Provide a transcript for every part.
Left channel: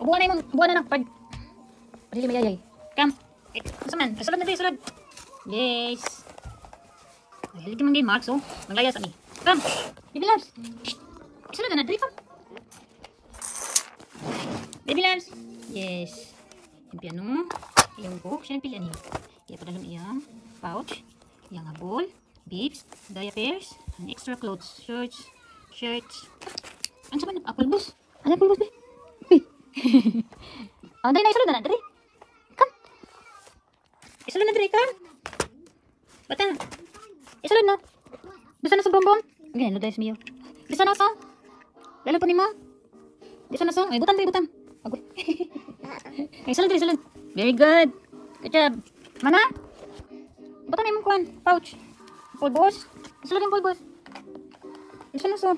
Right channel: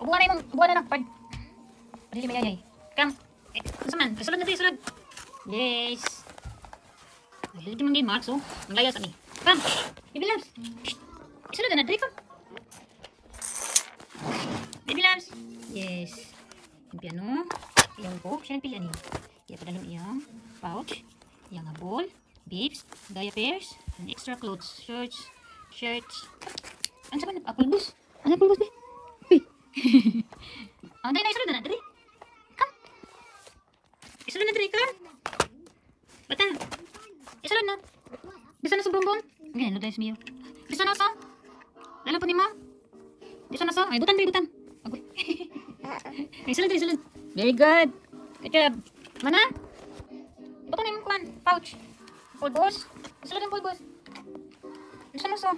Buwan na pag. Dili may ay. Come. Saman, kasulod na tayo, sulod. Yes. Dili ka man game, Max, oh. Naglayas ani. Come. Baby loves. Sulod na, dali, come. Baby loves. Yes. Yung piano. Yung book. Siya yung pilihan niya. Kaya pa dalong iyang pouch. Yang ball. Bibs. Diapers. And extra clothes. Shirts. Ano sa man? Apple bus. Ano apple bus, be? Oh, dahil na isulod na, dali. Come. Isulod na, dali, come. Bata. Isulod na. Bisa na sa bonbon. Ganyan, no, dahil miyo. Bisa na sa. Lalo po ni mo. Bisa na sa. Ay, butang. Agoy. Ay, isulod. Very good. Good job. Mana? Butang na yung kuhan. Pouch. Pulbos. Isulod yung pulbos. Bisa na sa.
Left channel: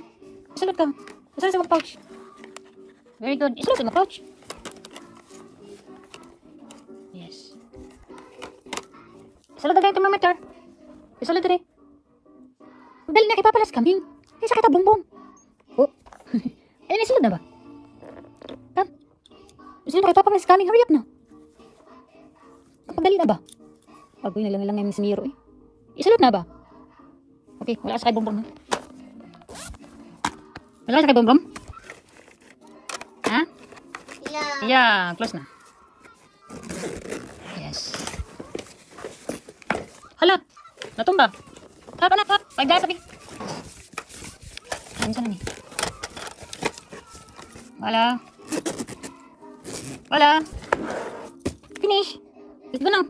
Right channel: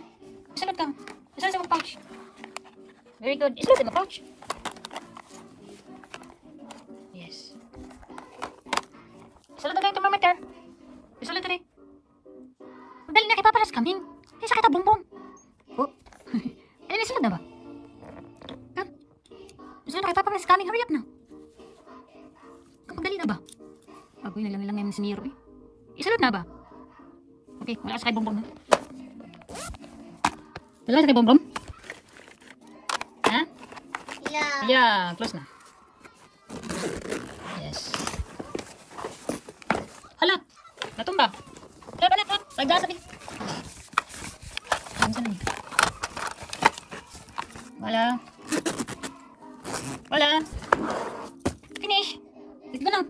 Isulod ka. Isulod sa pouch. Very good. Isulod sa pouch. Yes. Isulod na itong thermometer. Isulod na rin. Dali na ipapalas kaming. Hindi sakit ang bumbong. Oh. Ayun, isulod na ba? Come. Isulod na ipapalas kaming. Hurry up na. Kapag dali na ba? Agoy na lang yung siniro eh. Isulod na ba? Okay, wala ka sa kay bumbong. Wala ka sa kay bumbong? Ha? Yeah, close na. Yes. Hala, natumba. Hap. Pagdasa rin. Ano na ni? Wala. Finish. Let's go now.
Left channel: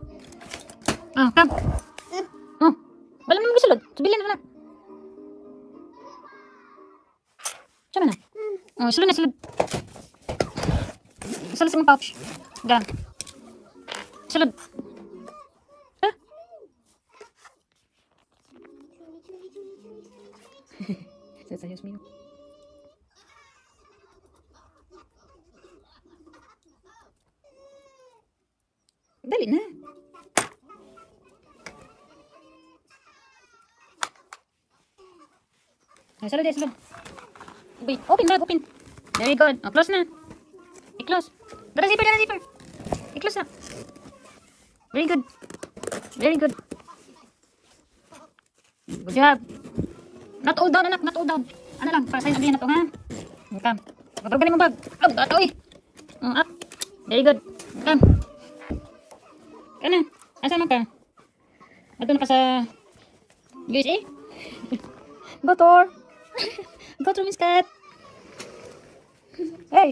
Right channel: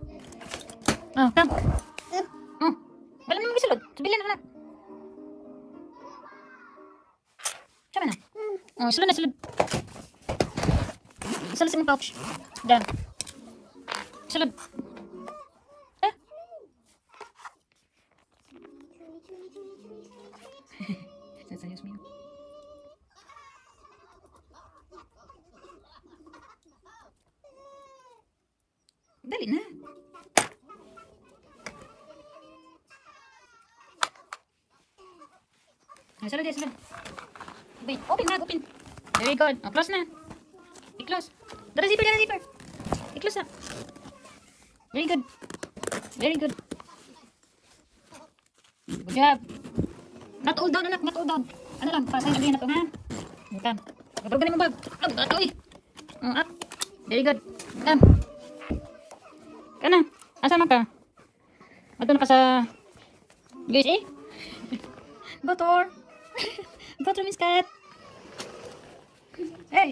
Oh, come. Bala mo bisulod. Subilin na. Saan na? Sulod na. Sulod sa mga pouch. Done. Sulod. Ha? Sayos mo yun. Dali na. Sulod. Wait, open. Very good. Close na. I-close. Dara zipper. I-close na. Very good. Good job. Not all down, anak. Not all down. Ano lang, para sa'yo sabihin na ito, ha? Come. Pagpagaling mo bag. Gato eh. Up. Very good. Come. Kaya na. Asan mo ka? Doon ka sa USA? Go tour. Go to Miss Cat. Hey.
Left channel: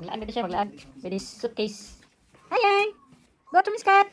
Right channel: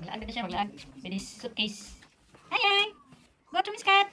Maglaan na siya. With his suitcase. Hi. Go to Miss Cat.